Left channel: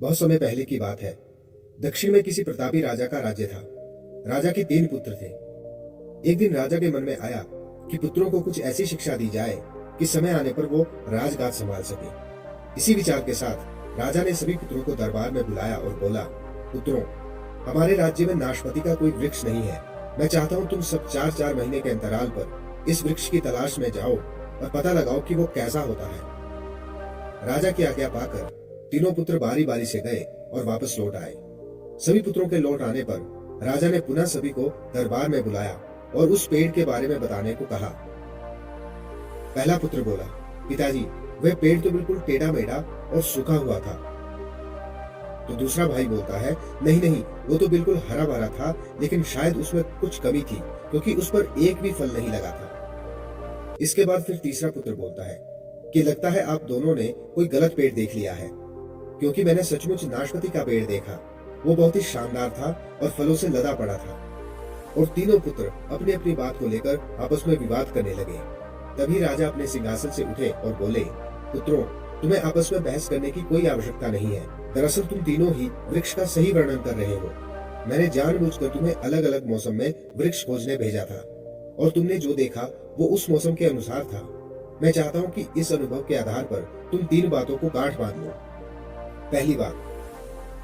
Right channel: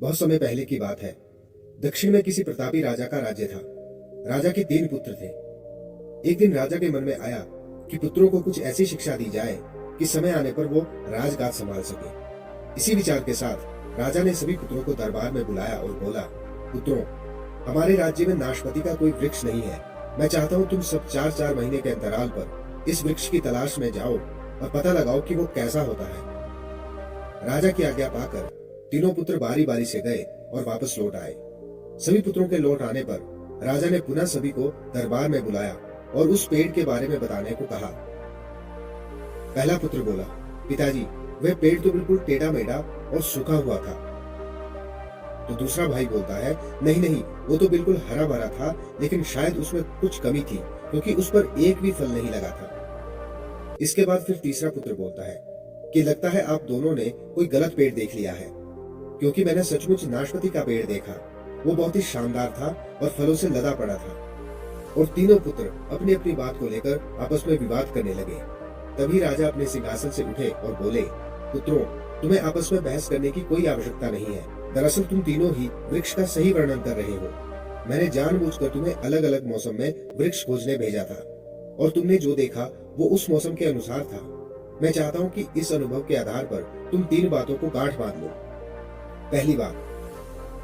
बहुत समय पहले की बात है। दक्षिण में किसी प्रतापी राजा का राज्य था। राजा के 3 पुत्र थे। एक दिन राजा के मन में आया कि पुत्रों को कुछ ऐसी शिक्षा दी जाए कि समय आने पर वो राजगाद संभाल सके। इसी विचार के साथ राजा ने सभी पुत्रों को दरबार में बुलाया और बोला, पुत्रों, हमारे राज्य में नाशपति का कोई वृक्ष नहीं है। मैं चाहता हूँ तुम सब 4-4 महीने के अंतराल पर इस वृक्ष की तलाश में जाओ और पता लगाओ कि वो कैसा होता है। राजा की आज्ञा पाकर तीनों पुत्र बारी बारी से गए और वापस लौट आए। सभी पुत्रों के लौट आने पर राजा ने पुनः सभी को दरबार में बुलाया और उस पेड़ के बारे में बताने को कहा। पहला पुत्र बोला, पिताजी, वह पेड़ तो बिल्कुल टेढ़ा मेढ़ा और सूखा हुआ था। तो दूसरा भाई बोलता है, नहीं नहीं, वो तो बिल्कुल हरा भरा था, लेकिन शायद उसमें कुछ कमी थी क्योंकि उस पर एक भी फल नहीं लगा था। इसके बाद फिर तीसरा पुत्र बोलता है कि लगता है आप दोनों ने कोई गलत पेड़ देख लिया है, क्योंकि मैंने सचमुच नाशपति का पेड़ देखा। वो बहुत ही शानदार था और फलों से लदा पड़ा था। और तीनों पुत्र अपनी अपनी बात को लेकर आपस में विवाद करने लगे। तभी राजा अपने सिंहासन से उठे और बोले, पुत्रों, तुम्हें आपस में बहस करने की कोई आवश्यकता नहीं है। दरअसल तुम तीनों ही वृक्ष का सही वर्णन कर रहे हो। मैंने जानबूझकर तुम्हें अलग अलग मौसम में वृक्ष खोजने भेजा था और तुमने जो देखा वो उस मौसम के अनुसार था। मैं चाहता हूं कि इस अनुभव के आधार पर तुम 3 बातों को गांठ बांध लो। पहली बात,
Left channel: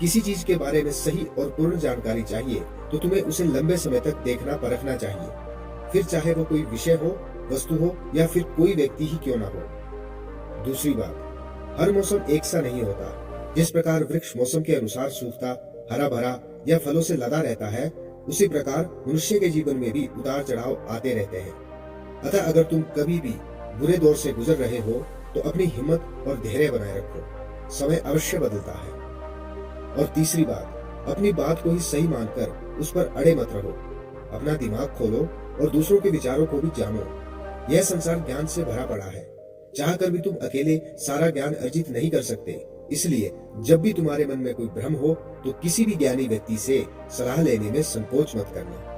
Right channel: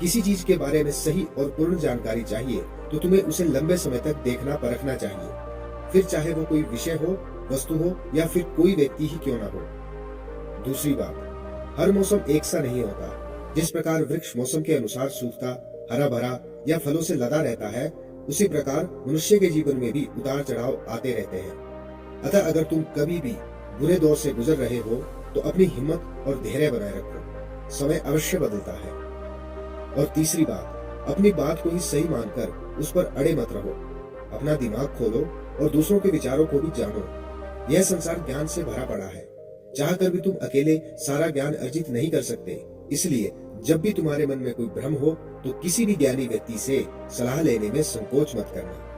किसी चीज के बारे में सही और पूर्ण जानकारी चाहिए तो तुम्हें उसे लंबे समय तक देखना परखना चाहिए, फिर चाहे वो कोई विषय हो, वस्तु हो या फिर कोई व्यक्ति ही क्यों ना हो। दूसरी बात, हर मौसम एक सा नहीं होता। जिस प्रकार वृक्ष मौसम के अनुसार सूखता, हरा भरा या फलों से लदा रहता है, उसी प्रकार मनुष्य के जीवन में भी उतार चढ़ाव आते रहते हैं। अतः अगर तुम कभी भी बुरे दौर से गुजर रहे हो तो अपनी हिम्मत और धैर्य बनाए रखो, समय अवश्य बदलता है। और तीसरी बात, अपनी बात को ही सही मानकर उस पर अड़े मत रहो। अपना दिमाग खोलो और दूसरों के विचारों को भी जानो। यह संसार ज्ञान से भरा पड़ा है। चाहकर भी तुम अकेले सारा ज्ञान अर्जित नहीं कर सकते। इसलिए जब भी तुम्हारे मन में कोई भ्रम हो तो किसी भी ज्ञानी व्यक्ति से सलाह लेने में संकोच मत करना।